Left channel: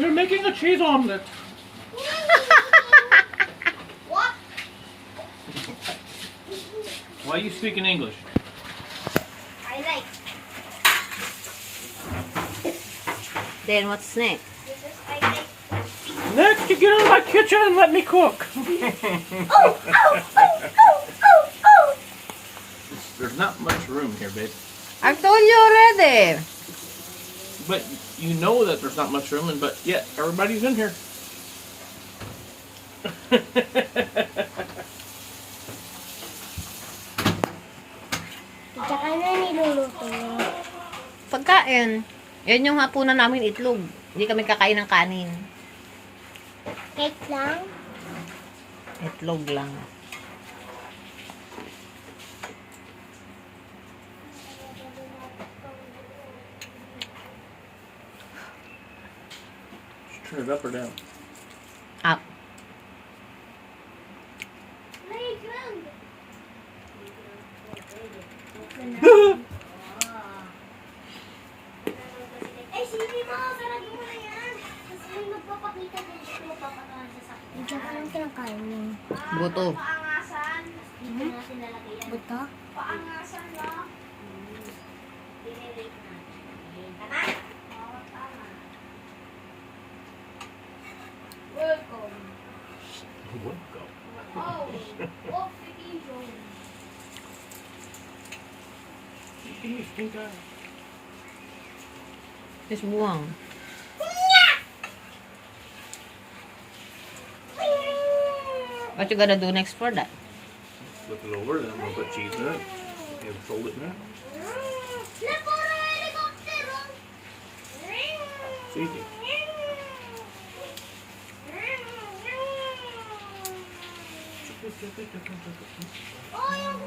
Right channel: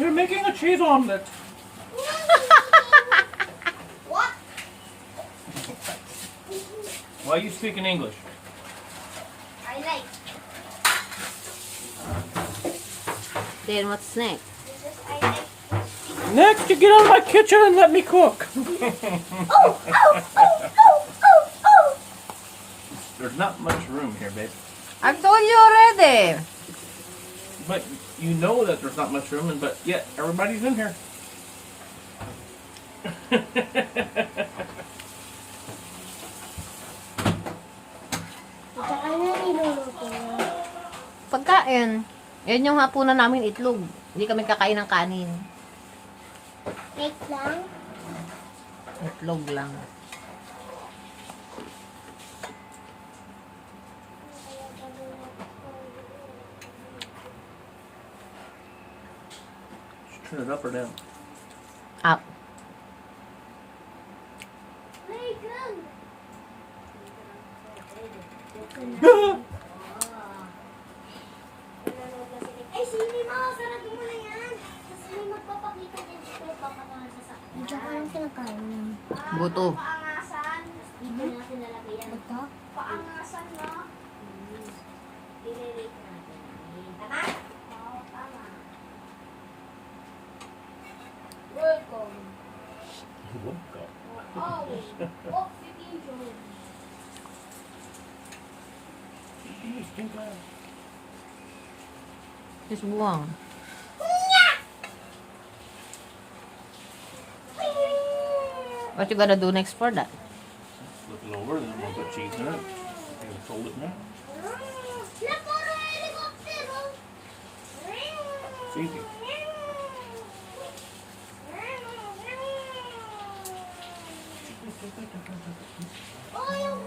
You're making a cheese omelet. What? Why are you speaking English? I like. Then what's next? This is I like. Next, you get out of my kitchen and let me cook. Oh! There's not much room here, babe. I've told you already. But you know that there's not much room, but yet everybody's in here. Tsaka na niluluto. Pagkain. Yan yung hapunan namin itlog. Hindi kami kakain ng kanin. Cake lang. Itlog lang. Turn it up or down? Up. Playground. Ay, sini mo. Sarado mo na yan. Kasi may magpapakita din siya. Papatahan sa sakit. Hindi ka lang kinakain. Buto. Paangasan. Dito natin lalagay yan. Buto? Paangasan, no? Binirate natin. Tama? Oo, tama. Welcome. Welcome. Oh, off vacation. Pink eye. Just buwang. What you gonna do next for that? Flip it over, then we'll put cheese in it. You fold it now. It's easy. Oh, yung